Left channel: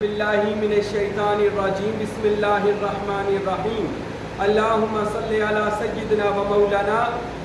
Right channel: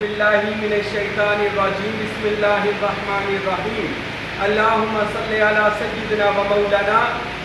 باللہ من الشیطان الرجیم بسم اللہ الرحمن الرحیم اللہم صلی علی سیدنا و مولانا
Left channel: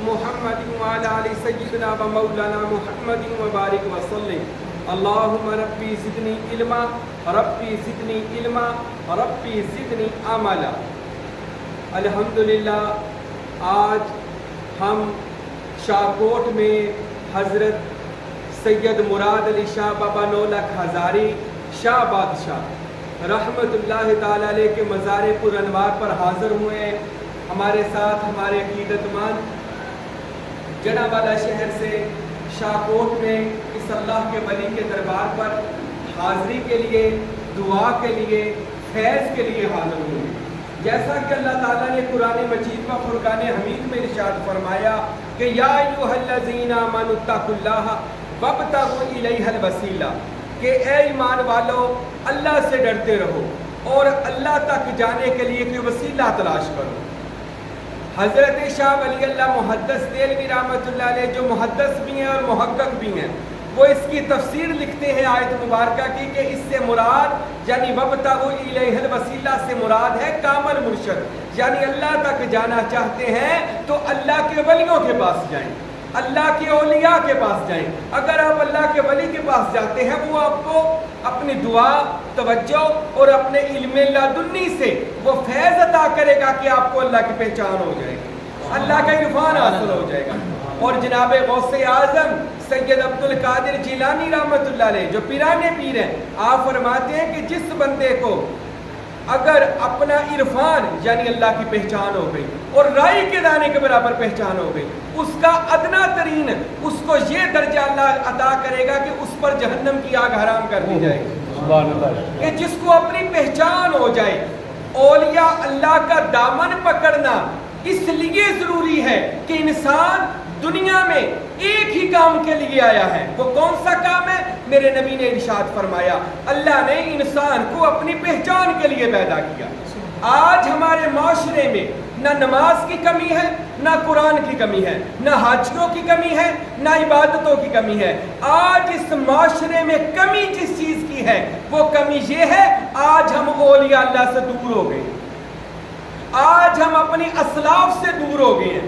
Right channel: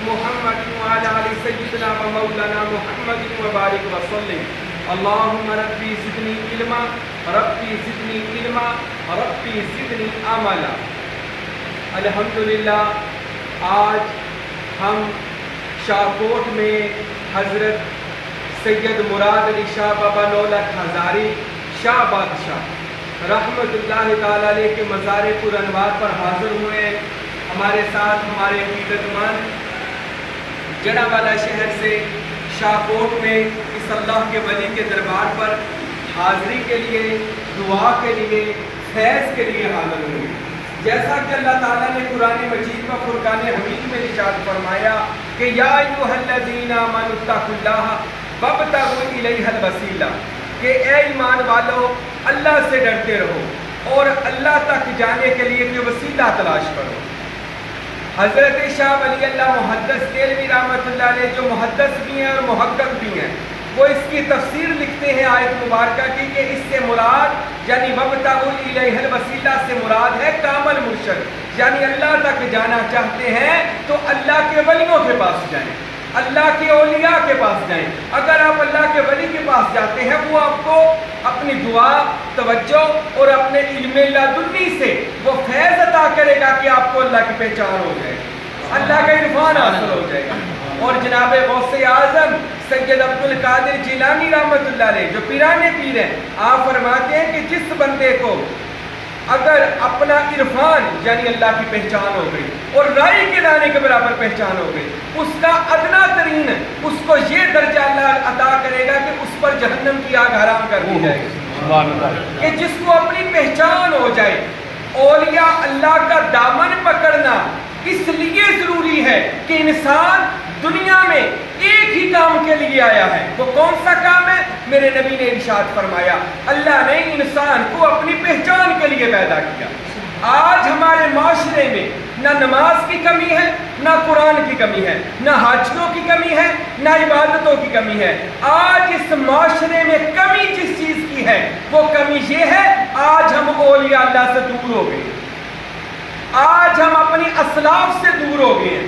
محمد وعلی آل سیدنا و مولانا محمد وبارک وسلم اللہم ربی زدنی علما ربی زدنی علما ربی زدنی عملا۔ الحمدللہ آج ہم شاہکوٹ میں حضرت سید مراد علی شاہ بابا نولک ہزاری شاہ بادشاہ رحمت اللہ تعالیٰ علیہ کے مزار پر انوار پر حاضر ہوئے ہیں۔ ہمارے ساتھ ہمارے عقیدت مند جڑا والا شہر سے شاہکوٹ میں اس اللہ کے ولی کے دربار پر حاضری کے لیے، دعا کے لیے، فیض کے لیے حاضر ہوئے۔ جیسا کہ اللہ تعالیٰ نے قرآن مجید میں فرقان حمید میں ارشاد فرمایا کہ یا ایھا الذین آمنوا اتقوا اللہ وابتغوا الیہ الوسیلہ، کہ اے ایمان والو اللہ سے ڈرتے رہو اور اللہ تک جانے کے لیے کوئی وسیلہ تلاش کرو۔ حضرت شاہ ولی اللہ محدث دہلوی رحمۃ اللہ علیہ جو محدث بھی ہیں اور محقق بھی ہیں، وہ اس کی تفسیر لکھتے ہیں آیت مبارکہ کی کہ اس سے مراد یعنی وابتغوا الیہ الوسیلہ سے مراد ہے کامل مرشد، یعنی اللہ تک جانا چاہتے ہیں تو اللہ کے ولیوں کے پاس جائیں، اللہ کے اولیاء کے پاس جائیں۔ اگر آپ اللہ کے ولی کے پاس جاتے ہیں وہ آپ کو اپنی دعا، توجہ اور اپنے علم لدنی سے وہ فیض عطا کرے گا کہ آپ کو اللہ کی پہچان ہو جائے، اللہ کا عرفان حاصل ہو جائے گا۔ اور جناب غوث اعظم سید عبد القادر جیلانی رحمۃ اللہ علیہ جو پیرانے پیر ہیں، آپ فرماتے ہیں کہ جس بندے کو اگر اپنا عرفان یعنی اللہ کی پہچان ہو گئی اور رائی کے دانے کے برابر پہچان ہو گئی، اس کا ادنا ترین اس کو یہ درجہ اللہ عطا کرے گا کہ اس پر جہنم کی آگ حرام کر دی جائے گی، کہ جس کو اپنی پہچان ہو جائے۔ اولیاء اللہ کا دامن پکڑنا اس لیے ضروری ہے کہ انسان دنیا میں ایک ہی کام کے لیے آیا ہے۔ وہ کون سا کام ہے؟ میرے نبی نے ارشاد فرمایا اللہ نے انسان کو اپنی پہچان کے لیے پیدا کیا۔ آج ہمارے معاشرے میں نہ نماز کی کمی ہے، نہ قرآن کی کمی ہے، نہ حاجیوں کی کمی ہے، نہ عبادتوں کی کمی ہے۔ آج اس معاشرے میں کمی جس چیز کی ہے وہ کمی یہ ہے آج ہم اولیاء اللہ سے دور ہو گئے، آج ہم اپنی اسلاف سے دور ہو گئے ہیں۔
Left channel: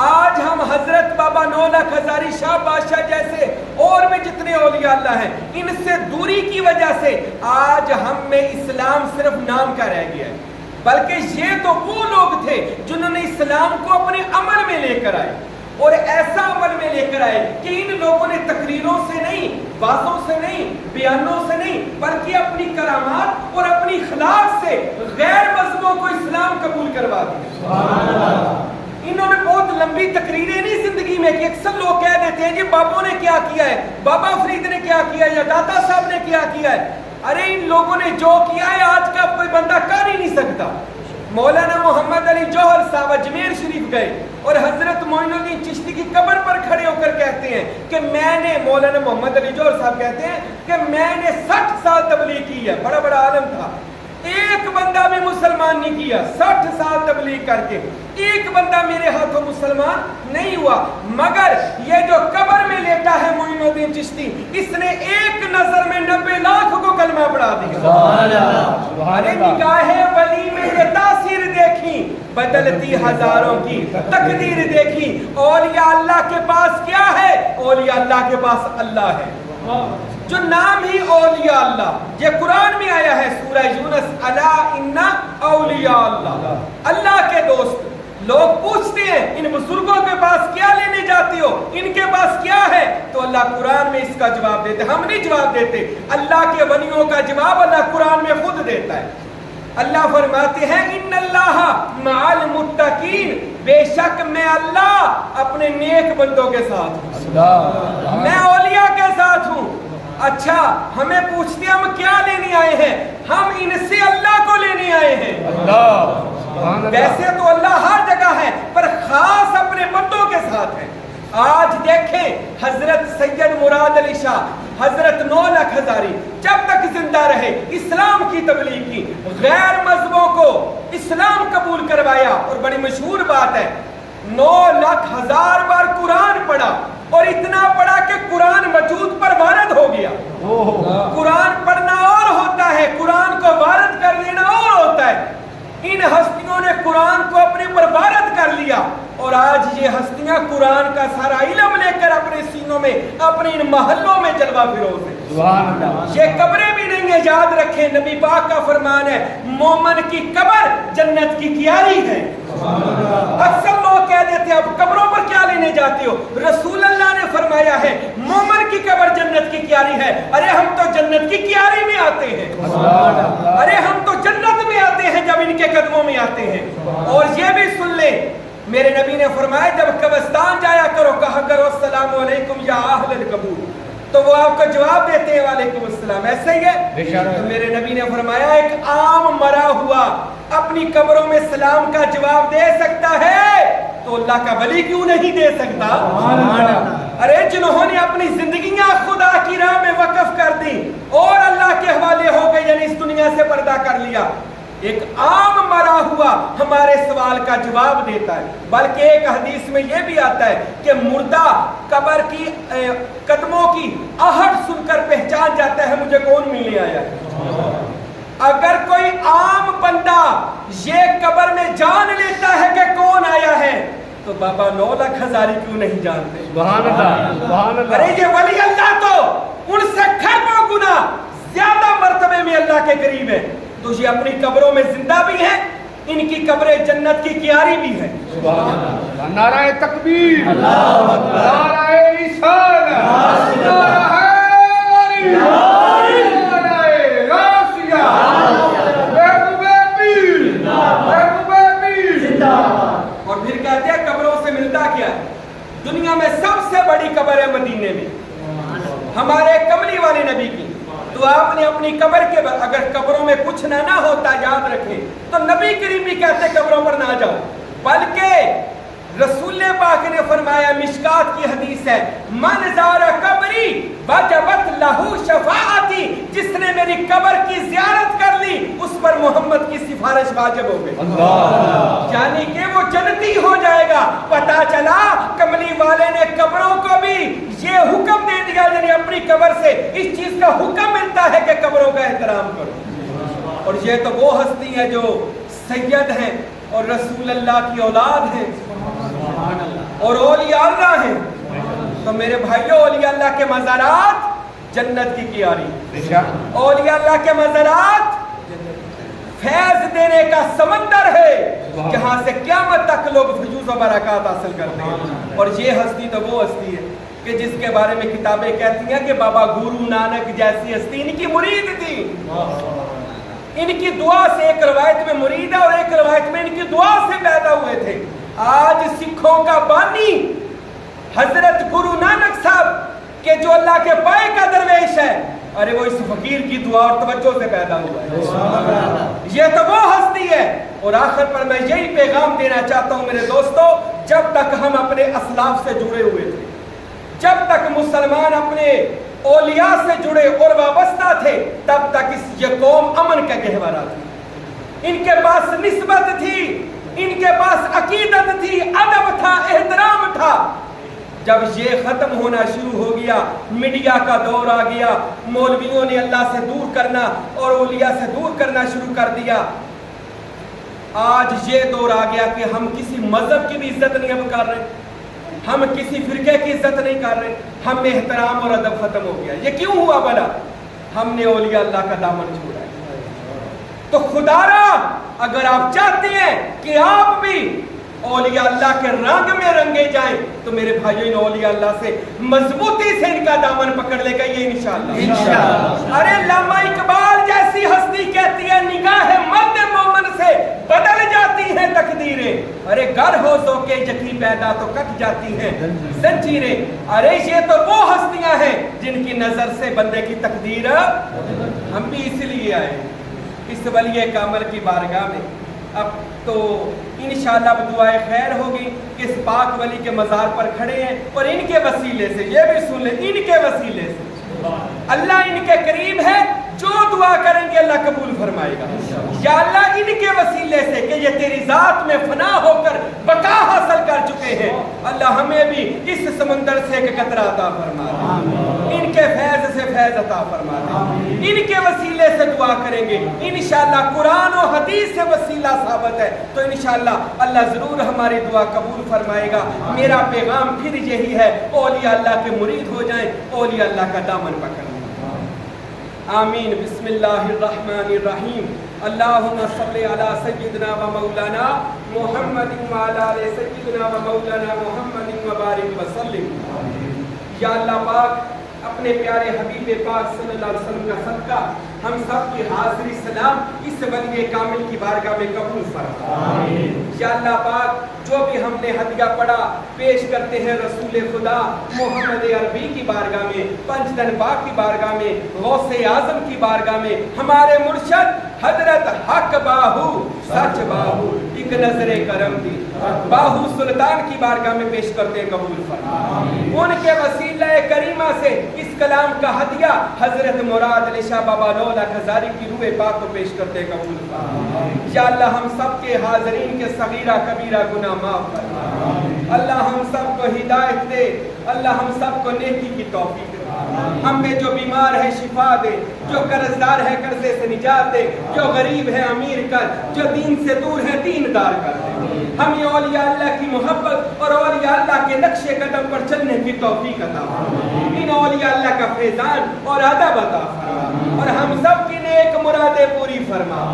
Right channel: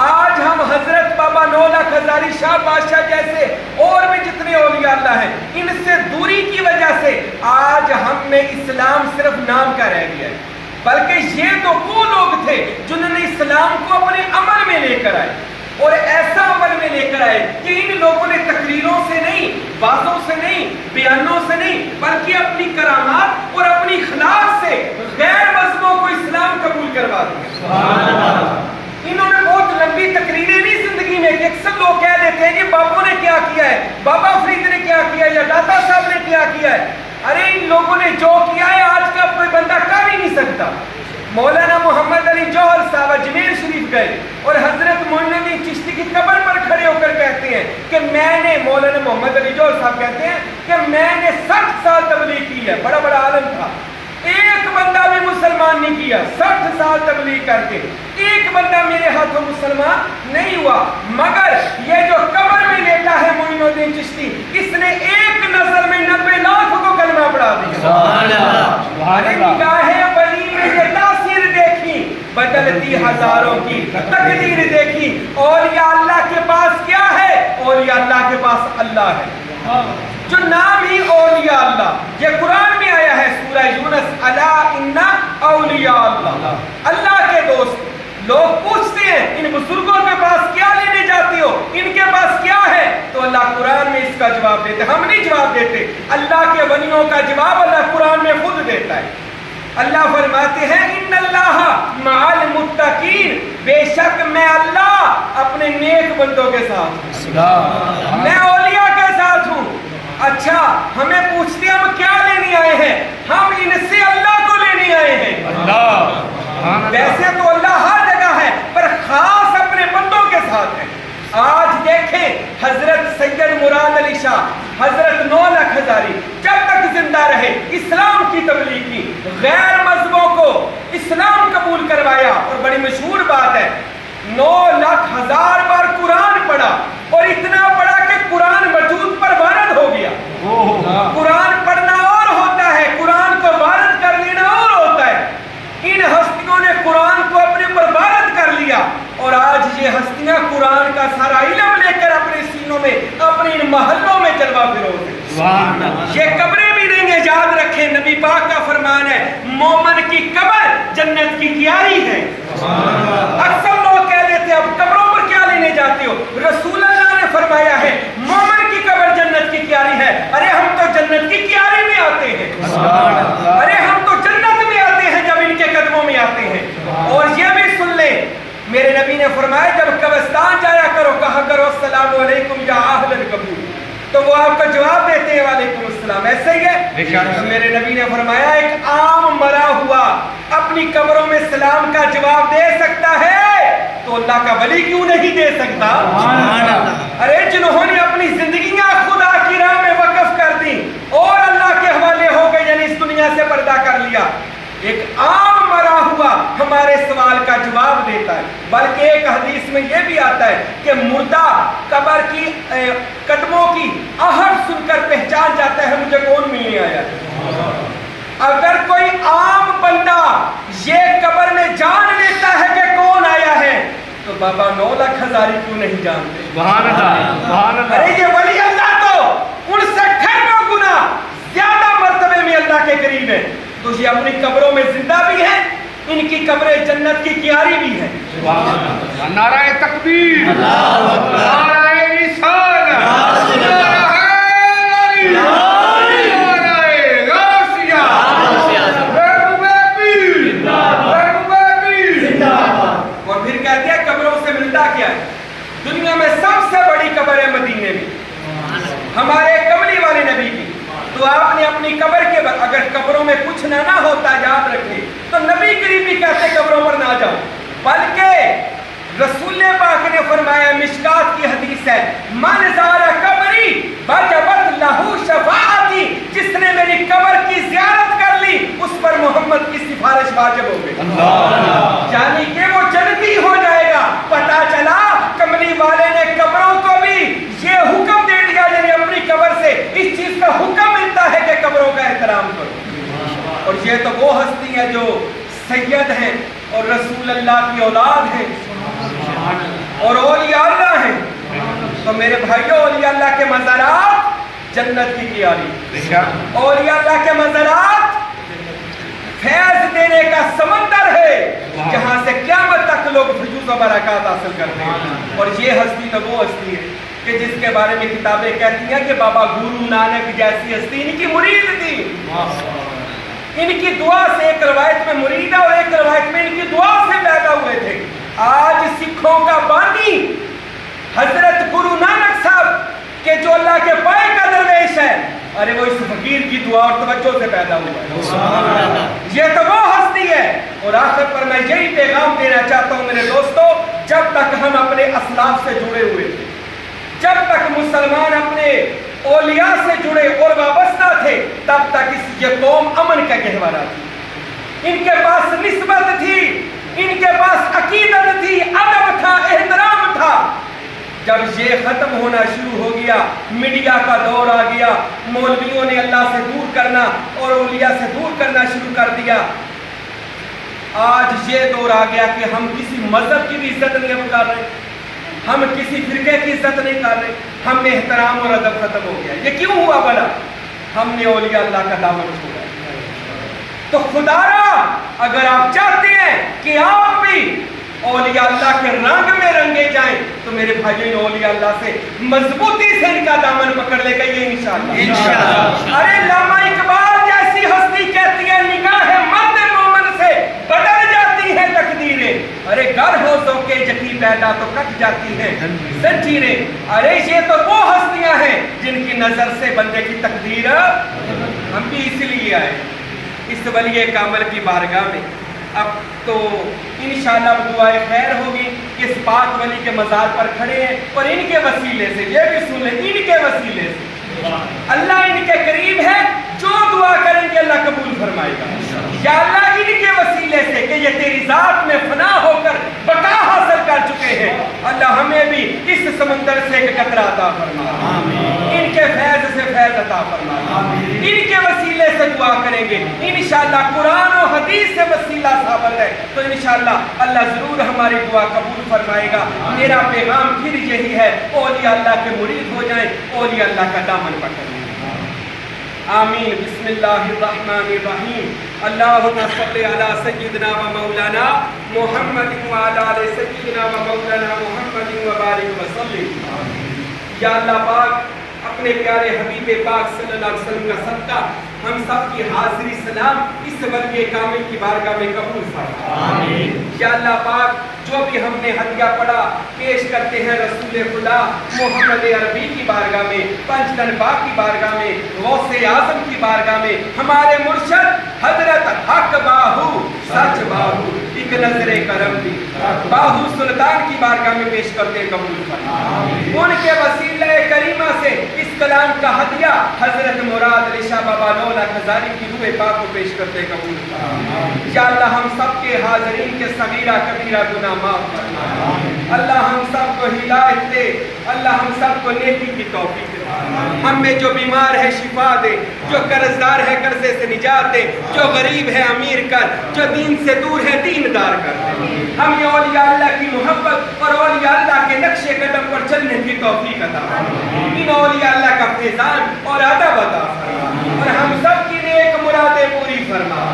آج ہم حضرت بابا نولک ہزاری شاہ بادشاہ جیسے اور بھی جتنے اولیاء اللہ ہیں ان سے دوری کی وجہ سے آج ہم میں اسلام صرف نام کا رہ گیا ہے، بلکہ یہ تو وہ لوگ تھے جنہوں نے اسلام کو اپنے عمل میں لے کر آئے، اور ایسا عمل میں لے کر آئے کہ ان لوگوں نے تقریروں سے نہیں، باتوں سے نہیں، بیانوں سے نہیں، بلکہ اپنی کرامات اور اپنی اخلاق سے غیر مذہبوں کو اسلام قبول کروا دیا۔ انہوں نے بہت لمبی تقریریں نہیں زندگی میں کہ اکثر لوگ کہہ دیتے ہیں کہ بابوں نے کیا کیا ہے، بابا فرید نے کیا کیا ہے، یا داتا صاحب نے کیا کیا ہے۔ ارے ان لوگوں نے جو کیا ہے آج کا کوئی بندہ کر ہی نہیں سکتا۔ مولانا محمد علی جوہر صاحب اجمیر شریف گئے اور حضرت معین الدین چشتی کی قبر پر کھڑے ہو کر کہتے ہیں کہ میں نے، مولانا محمد علی جوہر صاحب کہتے ہیں کہ میں نے 60 سال تبلیغ کی ہے، بڑا بڑا عالم تھا، ایک بندہ بھی مسلمان نہیں کیا، 60 سال تبلیغ کر کے ایک بندہ میرے ہاتھوں مسلمان نہیں ہوا، مگر یہ جو قبر میں لیٹا ہے معین الدین چشتی، اس نے ایک نظر میں 90 لاکھ کو کلمہ پڑھا دیا۔ ارے نگاہ ولی میں یہ تاثیر دیکھی، بدلتی ہزاروں کی تقدیر دیکھی۔ اولیاء اللہ کے پاس کیا ہے؟ اولیاء اللہ کے پاس اللہ ہے، جو نام ہی اولیاء اللہ، یہ قرآن میں آیا ہے سورہ یونس، الا ان اولیاء اللہ، اللہ کے دوست۔ لوگ پوچھتے ہیں ان بزرگوں کے پاس کیا لینے جاتے ہو، ان کے پاس کیا ہے؟ تو اللہ قرآن میں اس کا جواب دیتے، ہم نہیں جواب دیتے، اللہ کے ولیوں کا جواب اللہ قرآن میں خود دیتا ہے۔ اللہ فرماتے ہیں ان اللہ مع المتقین، بے شک میں اللہ اپنے نیک بندوں کے ساتھ ہوں، میں اولیاء کے ساتھ ہوں۔ اچھا ہمیں پوچھتے ہیں ہم کیا لینے آئے ہیں؟ ہم ان سے اللہ کو لینے آئے ہیں۔ ویسے تو اللہ ہر جگہ ہے پر خاص اپنے بندوں کے ساتھ ہے۔ آج دیکھیں حضرت سید مراد علی شاہ، حضرت نولک ہزاری جب تک زندہ رہے اسلام کی تبلیغ کی، غیر مذہبوں کو اسلام قبول کروایا، اور بڑی مشہور بات ہے 9,00,000 بار قرآن پڑھا، اور اتنا پڑھا کہ قرآن وجود پر وارد ہو گیا۔ قرآن پڑھنا اور ہوتا ہے، یہ ہستیاں قرآن کا سارا علم لے کر اپنے سینوں میں اپنے ان محلوں میں جلوہ فروز ہیں. یہ قبریں بھی نہیں ہیں، یاد رکھیں نبی پاک کا فرمان ہے مومن کی قبر جنت کی کیاری ہے. اکثر لوگ کہہ دیتے ہیں اب قبروں پر کیا لینے جاتے ہو؟ رسول اللہ نے فرمایا ہے مومن کی قبر جنت کی کیاری ہے. ارے ہم تو جنت کی کیاری میں آتے ہیں، ارے ہم تو جنت میں آتے ہیں جب ان کے قدموں میں آتے ہیں. اور یہ بھی سن لیں میرے نبی نے فرمایا جب قبرستان جایا کرو کہا کرو السلام علیکم یا اہل القبور، تو وہ آپ کو جواب دیتے ہیں وعلیکم السلام. ایسے ہی ہے میرے نبی نے فرمایا ایک عام مرا ہوا اپنی قبروں میں سلام کا جواب دے سکتا ہے تو اللہ کا ولی کیوں نہیں دے سکتا؟ ارے جنہوں نے اپنی زندگیاں خدا کی راہ میں وقف کر دی اور اللہ کے حوالے ہو گئے یعنی اس دنیا سے پردہ کر لیا، ایک عام مرا ہوا ہمارے سوال کا جواب دیتا ہے. بلکہ ایک حدیث میں یہ بھی آتا ہے کہ مردہ قبر کی قدموں کی آہٹ سن کر پہچان جاتا ہے مجھے کون ملنے آیا ہے. اگر کوئی عام بندہ یہ قبر میں جان لیتا ہے کہ کون آیا ہے تو بابا 9 لاکھ ہزاری کیوں نہیں جانتے؟ ارے یہ ولی اللہ تو ان سے کھربوں گنا زیادہ مرتبے میں اللہ کے قریب ہے. تو یہ اپنی قبروں میں زندہ بھی ہیں، ان کی قبریں جنت کی کیاری بھی ہیں. نعرہ تکبیر، نعرہ رسالہ، اور پھر کہتے ہیں قبروں سے ملتا کیا ہے؟ دنیا میں سب سے بڑی قبر ہے مدینے میں ہمارے کملی والے نبی کی. تو آپ نے اپنی قبر کے بعد اگر قبروں میں کچھ نہ ہوتا یاد رکھیں تو نبی کریم بھی کہتے قبروں پر نہ جاؤ. بلکہ رسول پاک نے فرمایا مشکات کی حدیث ہے من زار قبری وجبت لہو شفاعتی، جس نے میری قبر کی زیارت کر لی اس پر محمد کی سفارش واجب ہو گئی. یعنی کہ وہ جنتی ہو جائے گا. پتا چلا کملی والے نے قبروں کو بھی یہ حکم دے دیا یعنی اپنی قبر سے اس چیز کا حکم ملتا ہے کہ قبروں کا احترام کرو. اور یہ تو وہ ہستی ہے جو سید ہیں اور رسول اللہ کی اولاد ہیں اور اولیاء اللہ ہیں. تو میرے بھائیوں اولیاء اللہ کے مزارات جنت کی کیاری، اولیاء اللہ کے مزارات فیض دینے کا سمندر ہے جہاں سے قیامت تک لوگ فیوز و برکات حاصل کرتے ہیں. اور یہ ہستی تو وہ ہستی ہے کہ جس کے بارے میں کتابیں کہتی ہیں کہ بابا گرو نانک جیسی ہستی ان کی مرید تھی. ان کی دعا سے ایک روایت میں مرید ہے اور ایک روایت میں ان کی دعا سے پیدا ہوئے تھے. آج سکھوں کا بانی حضرت گرو نانک صاحب کہ جو اللہ کے پائے کا درویش ہے، ارے وہ اس فقیر کی دعا اور توجہ سے پیدا ہوا ہے. یہ تو وہ ہستی ہے. اور آخر پر میں یہی پیغام دینا چاہتا ہوں میرے دوستو، جب تک ہم اپنے اسلاف سے جڑے ہوئے تھے، جب تک مسلمان اپنے اولیاء سے جڑے اور وابستہ تھے، تب تک یہ قوم امن کا گہوارہ تھی. ان کے پاس نسبت تھی، ان کے پاس عقیدت تھی، ادب تھا، احترام تھا. جب یہ ختم ہونا شروع ہو گیا، میڈیا کا دور آ گیا، مولویوں نے اللہ سے دور کرنا اور اولیاء سے دور کرنا شروع کر دیا. آج یہ دور آ گیا کہ ہم کسی مذہب کی بھی عزت نہیں اب کر رہے، ہم کسی فرقے کی عزت نہیں کر رہے، ہم میں احترام اور ادب ختم ہو گیا. یہ کیوں ہوا بھلا؟ ہم نے اولیاء اللہ کا دامن چھوڑا. تو خدا را اگر آپ چاہتے ہیں کہ آپ بھی اولیاء اللہ کے رنگ میں رنگے جائیں تو میرے بھائیوں نے اولیاء اللہ سے مضبوطی سے ان کا دامن پکڑ لے گا یہ انشاءاللہ. ارے علامہ اقبال جیسی ہستی کہتی ہے نگاہ مرد مومن سے بدل جاتی ہے تقدیریں. ارے گر ہو ذوق یقین پیدا تو کٹ جاتی ہے زنجیریں. ارے یہ تو وہ ہستیاں ہیں جن کی نظر سے بندے کی تقدیر. ہم بھی اس لیے آئے اس ولی کامل کی بارگاہ میں. اب تو انشاءاللہ دعائے خیر ہوگی کہ اس پاک ولی کے مزار پر کھڑے ہیں اور ان کے وسیلے سے یہ بھی سن لیں ان کے وسیلے سے اللہ ان کے قریب ہے. جو دعا کریں گے اللہ قبول فرمائے گا. یا اللہ ان کے وسیلے سے کہ یہ تیری ذات میں فنا ہو کر بقا حاصل کر چکے ہیں، اللہ ہمیں بھی اس سمندر سے ایک قطرہ عطا فرما، ان کے فیض سے فیض عطا فرما، ان کے وسیلے وسیلے سے دعا کریں گے انشاءاللہ قرآن و حدیث سے وسیلہ ثابت ہے تو انشاءاللہ اللہ ضرور ہماری دعا قبول فرمائے گا. میرا پیغام پھر یہی ہے اولیاء اللہ کے مرید ہو جائیں, اولیاء اللہ کا دامن پکڑیں. آمین. بسم اللہ الرحمن الرحیم. اللہم صلی علی سیدنا و مولانا محمد وعلی آل سیدنا و مولانا محمد وبارک وسلم. یا اللہ پاک اپنے پیارے حبیب پاک صلی اللہ علیہ وسلم کا صدقہ ہم سب کی حاضری سلام اس ولی کامل کی بارگاہ میں قبول فرما. یا اللہ پاک جو بھی ہم نے ہدیہ پڑھا پیش کرتے ہیں رسول خدا محمد عربی کی بارگاہ میں, پنج تن پاک کی بارگاہ میں, غوث اعظم کی بارگاہ میں, ہمارے مرشد حضرت حق باہو سچ باہو ایک نظر کرم دی باہو سلطان کی بارگاہ میں پیش کرتے ہیں قبول فرما. ان کے وسیلہ کریمہ سے اس کلام کا ہدیہ حضرت مراد علی شاہ بابا نولا ہزاری کی روح پاک کو پیش کرتے ہیں قبول فرما. یا اللہ ہم سب کے حاضرین کے صغیرہ کبیرہ گناہ معاف فرما. اللہ ہم سب کو ہدایت دے, اللہ ہم سب کو نیکی کی توفیق دے. ہم میں جو بیمار ہے شفا دے, جو قرضدار ہے قرضے سے نجات دے, جو غریب ہے امیر کر, جو دین سے دور ہے دیندار کر دے. ہمیں اولیاء اللہ کی محبت اور اولیاء اللہ کے نقش قدم پر چلنے کی توفیق عطا فرما. ان اولیاء اللہ کا فیضان اور ادب عطا فرما اور ہم سب کی نیک مرادیں پوری فرما.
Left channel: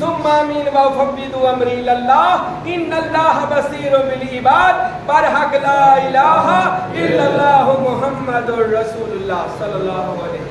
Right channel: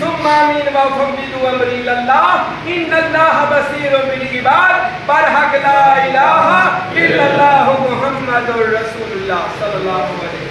ثم آمین وفوض امری اللہ ان اللہ بصیر بالعباد. برحق لا الہ الا اللہ محمد رسول اللہ صلی اللہ علیہ وسلم.